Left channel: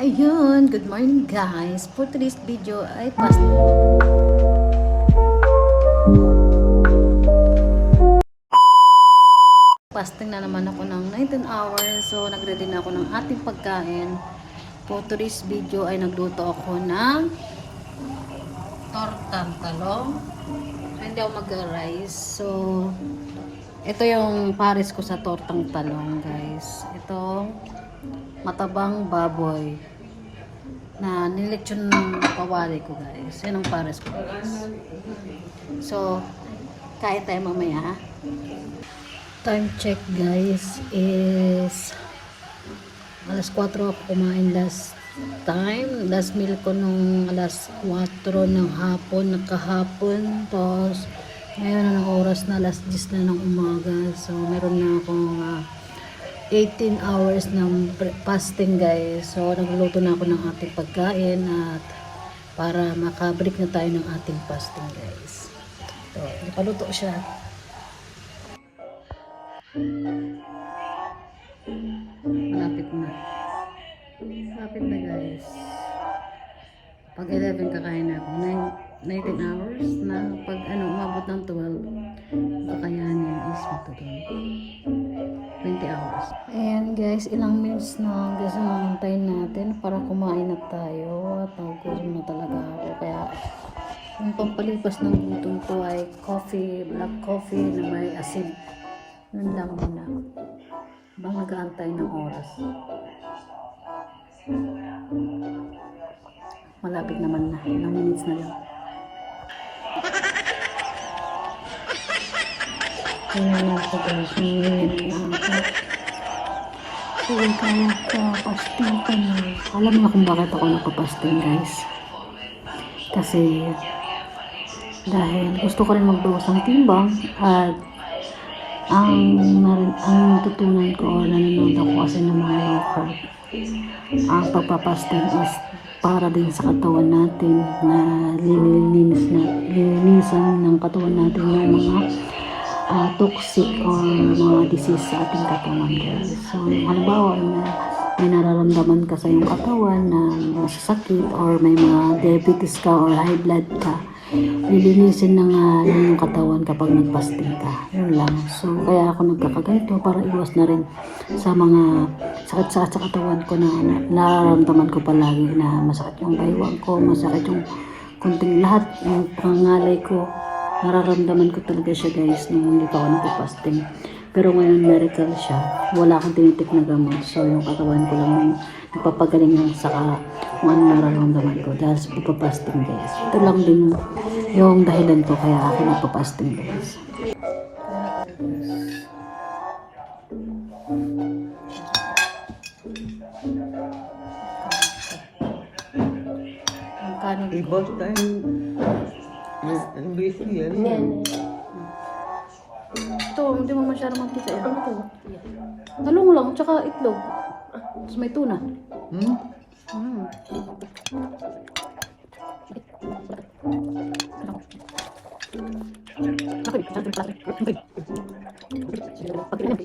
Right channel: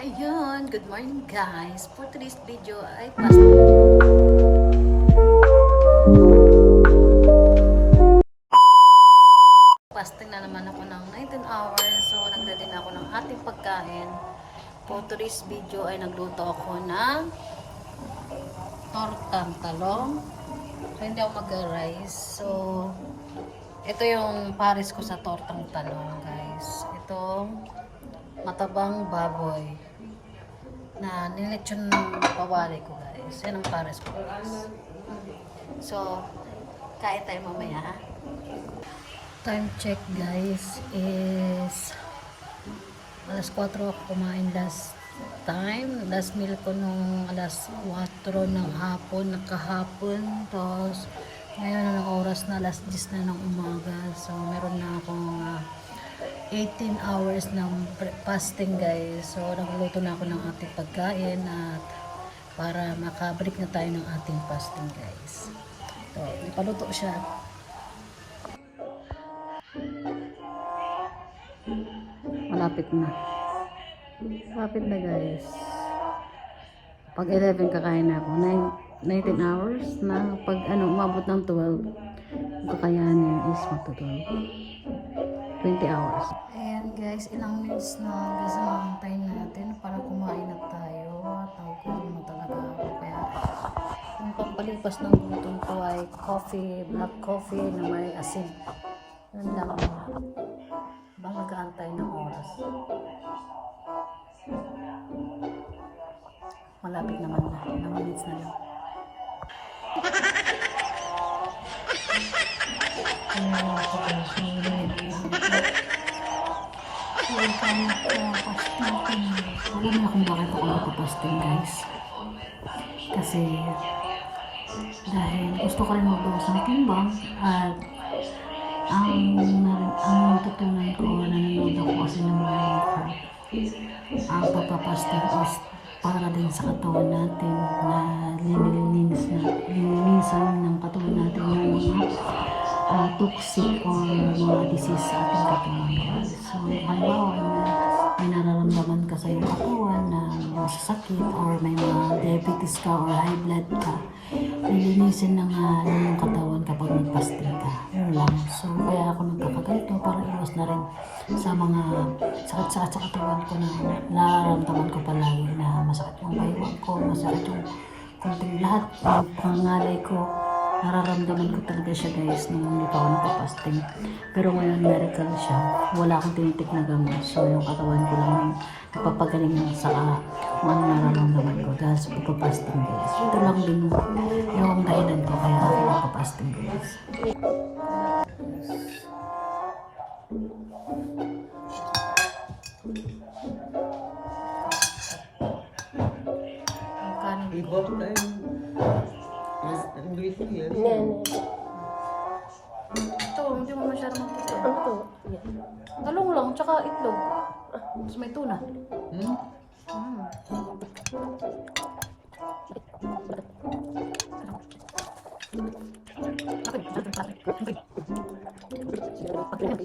Ayun, good morning guys. For today's video ay pas Fasting na naman ako ng 19 hours. So, nagready na ako ng ating pagkain. For today's video ay nagluto ako ng tortang talong. So, hindi ako mag-rice. So, ito yung pares ko sa tortang talong, guys. Itong matabang baboy na nilitsyon pawali ko, guys. Yan ang pares ko, guys. So, kain tayo mamaya. Time check, guys, is alas 4 ako kumain last time. Last meal ko nung alas 4 ng hapon, nakahapon. Tapos, ngayon na oras na alas 10 na ng umaga. So, meron na akong ah, 18 hours ng fasting, guys. So, nagluto na ako ng ating pagkain at para makabreak na tayo ng ating fasting, guys. So, nakaluto siya. Malapit na. Malapit na guys. Pag 11 kakain na ako. Nine- 19 hours na pag ano umabot ng 12 ang kakayanin is magtutuloy 20 hours. Ayan guys ilang minutes na guys ang antayin natin para kumain na tayo. At nagugutom na talaga ako. Kaya yung pampalipas ng gutom ko ay coffee black coffee na may asin. Yun lang muna. Bang ng oras. Malapit naman na. Ilang minutes na lang Guys, ngayon lang ako. Tuwing kami nagpapasting kami. Alam niyo kung bakit ako nagpapasting guys? Kasi dahil gusto ko rin magbawas ng timbang at ang, ang natutunan ko o nanonood ako kasi ng mga carb ang pagpapasting is para din sa katawan natin na lilinis na lilinisan ng katawan natin yung mga ah, toxic or mga disease sa ating katawan guys. So, halimbawa na may nararamdaman ka sa iyong katawan na masasakit or may mga diabetes ka or high blood ka, lilinisin ng uh, yung katawan kapag nagpasting ka. Yun lang. So, kaya ako nagkakaganito para iwas na rin sa mga sakit-sakit sa katawan ko na nararamdaman ko palagi na masakit yung baywang ko, masakit yung kunting lahat ng pangalay ko nararamdaman ko talaga siya guys nung hindi pa ako nagpa-fasting. Pero ngayon miracle siya. Wala akong tinitik na gamot. So yung katawan ko lang yung nagpapagaling ng saka kung ano nararamdaman ko dahil sa pagpa-fasting guys. Ito lang din yung dahilan ko kaya ako nagpa-fasting guys. Ang kanin ko. Yan. Ito, hindi mo masyadong magkita yan. Talong lang, tsaka itlog. Tapos may tuna. Hmm? Mm. Pala? Okay. Pagkilim.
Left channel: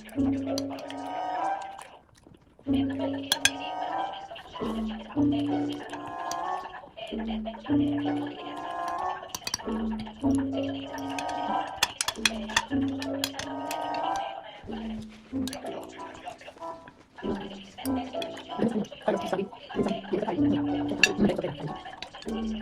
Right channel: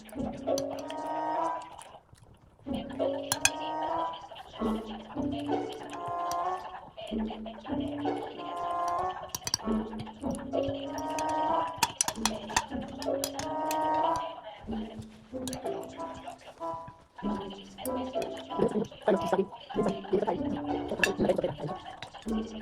うん。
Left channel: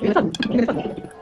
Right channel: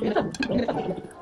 그래서 그래서